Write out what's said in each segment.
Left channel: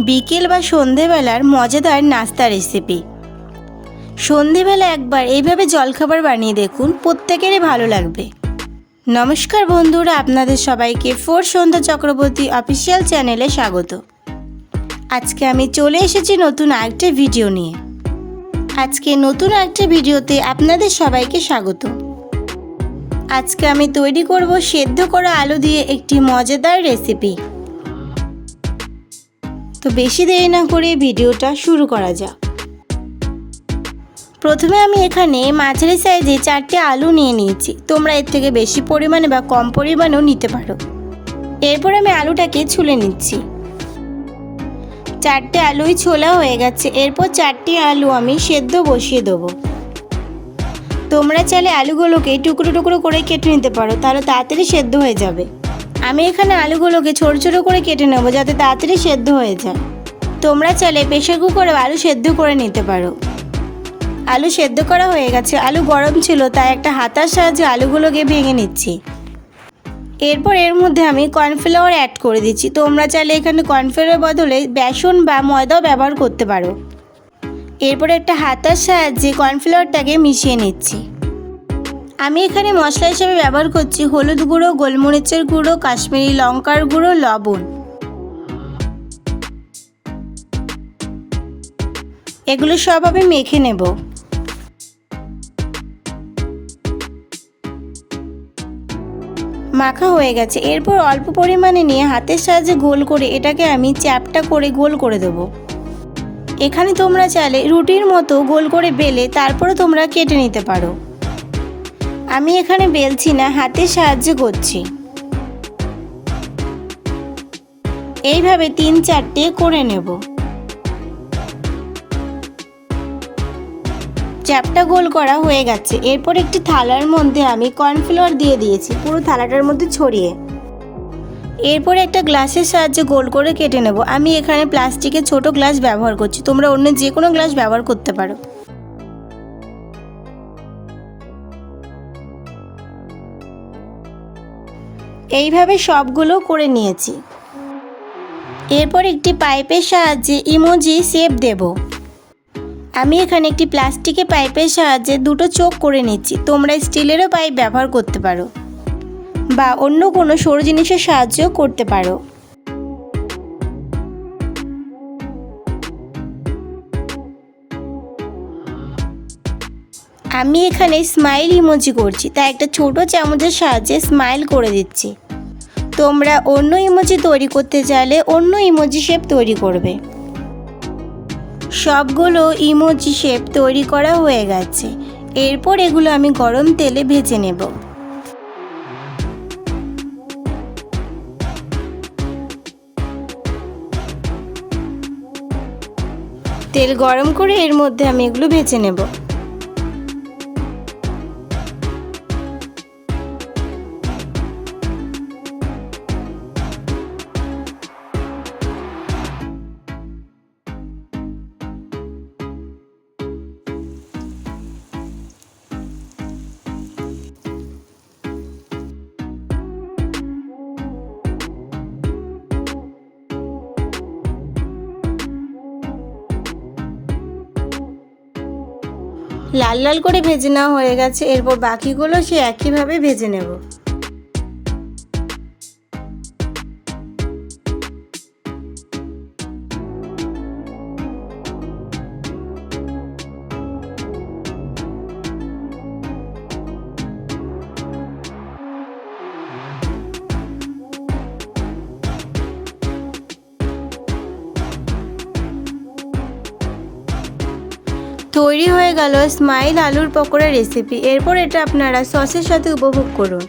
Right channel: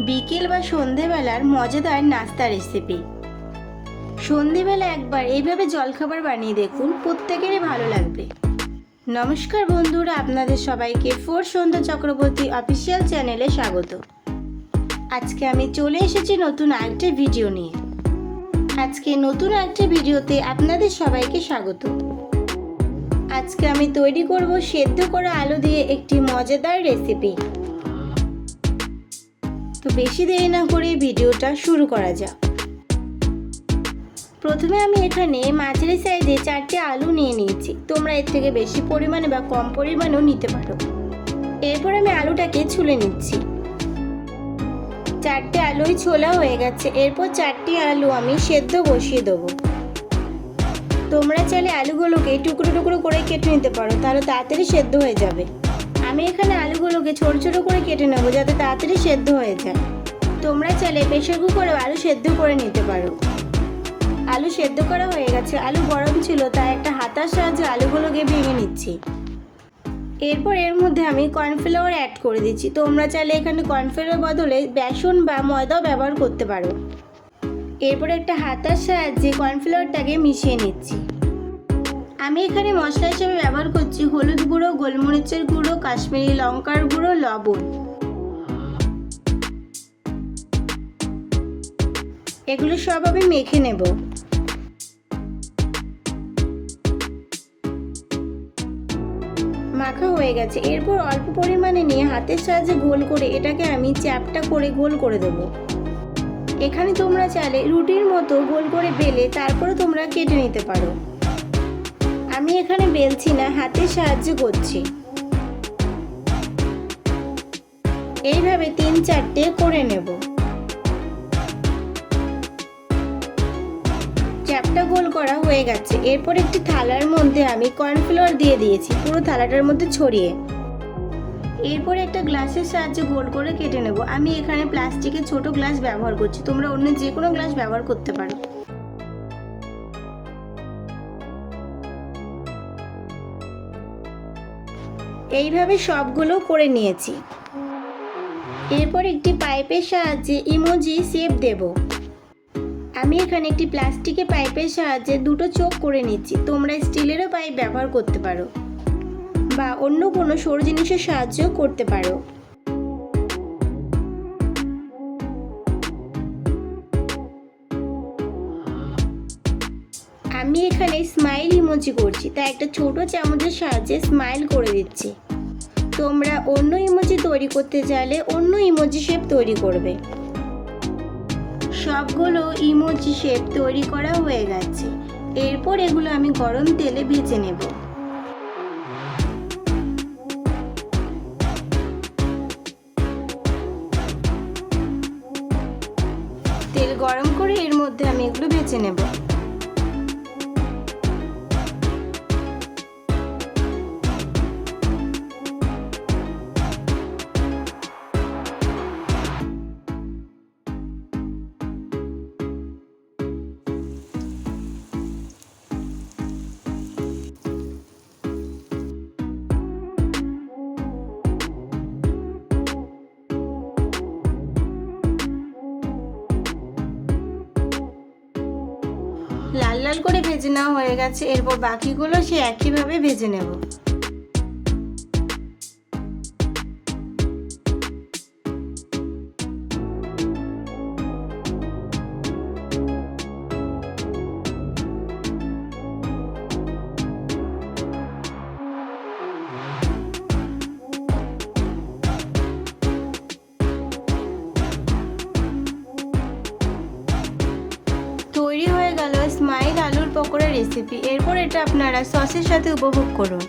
বিকেল বা সন্ধেবেলার মজাদার নাস্তা রেসিপি। সন্ধেবেলা একবার এইভাবে জলখাবার বানিয়ে দেখুন, প্রত্যেকেরই ভালো লাগবে। নমস্কার বন্ধুরা, আপনাদের সবাইকে ফোর সন্ধ্যা চক্রবর্তী অফিসিয়াল চ্যানেলে স্বাগত। আজকে আমি চলে এসেছি নতুন আরেকটা ভিডিও নিয়ে। আজকে নতুন একটা ভিডিওতে আপনাদের সবাইকে স্বাগত। আজকে আমি তৈরি করব সেদ্ধ করা আলু দিয়ে একটি মজাদার রেসিপি। তো বেশি দেরি না করে ভিডিওটা শুরু করা যাক। প্রথমে আমি এখানে মাঝারি সাইজে 4টে আলু নিয়ে নিয়েছি। তোমরা এর থেকে বেশি পরিমাণে বা কম পরিমাণেও নিতে পারো। এরপর আমি আলুটাকে ছুলে নিচ্ছি। 4টে আলুই ছোলা হয়ে গেছে। এরপর 4টি আলু আমি সেদ্ধ বসিয়ে দেবো। তোমরা চাইলে আলুগুলোকে টুকরো টুকরো করে কেটে নিতে পারো, তাহলে তাড়াতাড়ি সেদ্ধ হয়ে যাবে। আমি এখানে আলুগুলোকে ছোটো ছোটো করে কেটে নেবো যাতে তাড়াতাড়ি সেদ্ধ হয়ে যায়। তোমরা চাইলে প্রেসার কুকারে আলু সেদ্ধ করে নিতে পারো। আলু সেদ্ধ করা হয়ে গেছে। আলু গরম ছিল, তাই একটা হাতার সাহায্যে আলুগুলোকে ভেঙে নিচ্ছি। এরপর এর মধ্যে আমি কর্নফ্লাওয়ার অ্যাড করে দিচ্ছি। তোমরা চাইলে এখানে কর্নফ্লাওয়ারের বদলে বেসন বা ময়দাও ব্যবহার করতে পারো। এরপর একটা হাতার সাহায্যে কর্নফ্লাওয়ারটাকে মিশিয়ে নিচ্ছি। আমি এখানে মশলা হিসেবে ব্যবহার করছি হলুদ গুঁড়ো, গোলমরিচের গুঁড়ো, কাশ্মীরি লঙ্কার গুঁড়ো, লবণ। এগুলো সব আমি মেখে নেব। মাখা হয়ে গেছে। এরপর অল্প পরিমাণে নিয়ে হাতের সাহায্যে গোল করে এটাকে আমি চ্যাপটা করে গোল করে দেব। এখানে তোমরা চাইলে রুটির মতো গোল করে বেলে তারপরে তোমরা কেটে নিতে পারো। আমি এখানে বেলছি না, হাতের সাহায্যে করছি। এইভাবে 3-4টে করে নেব। চ্যাপটা গোল করা হয়ে গেছে। এরপর একটি থালার মধ্যে আমি কর্নফ্লাওয়ার দিয়ে দিয়েছি, পুরো থালাটার মধ্যে ছড়িয়ে। এরপর একটা গ্লাসের সাহায্যে গোল করে কেটে নেব। আমি এখানে প্লাস্টিকের ছোট গ্লাস ব্যবহার করছি, তোমরা অন্য যে কোনো গ্লাস ব্যবহার করতে পারো। এইভাবে সবগুলো করে নিয়েছি। এরপর একটি পাইপের সাহায্যে ইমোজি শেপ দেব। আমি এখানে একটি প্লাস্টিকের পাইপের সাহায্যে দুটো চোখ করে নিচ্ছি। তোমরা স্টিলেরও পাইপ ব্যবহার করতে পারো বা অন্য কোনো সরু জিনিসের সাহায্যেও করতে পারো। আমি এখানে স্মাইল ইমোজি করছি, তাই একটা ছোট চামচের সাহায্যে স্মাইল করে দিচ্ছি। তোমরা অন্য ইমোজি তৈরি করতে চাইলে অন্য ইমোজি শেপ তৈরি করবে। সবগুলো ইমোজি শেপ তৈরি করা হয়ে গেছে। এরপর এগুলো আমি গরম তেলে ভেজে নেব। তেল গরম করে এর মধ্যে আমি এগুলো ভেজে নেব। লাল লাল করে ভেজে নেওয়া হয়ে গেছে। এরপর বাকিগুলো সে একইভাবে ভেজে নেব। তৈরি হয়ে গেল স্মাইল আলুর পকোড়া রেসিপি। এরপর এটা আপনারা সসের সাথে উপভোগ করুন।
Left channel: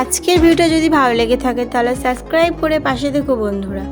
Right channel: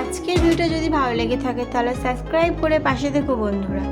আজকের ভিডিওটা যদি ভালো লেগে থাকে তাহলে সাবস্ক্রাইব করে পাশে থেকো বন্ধুরা।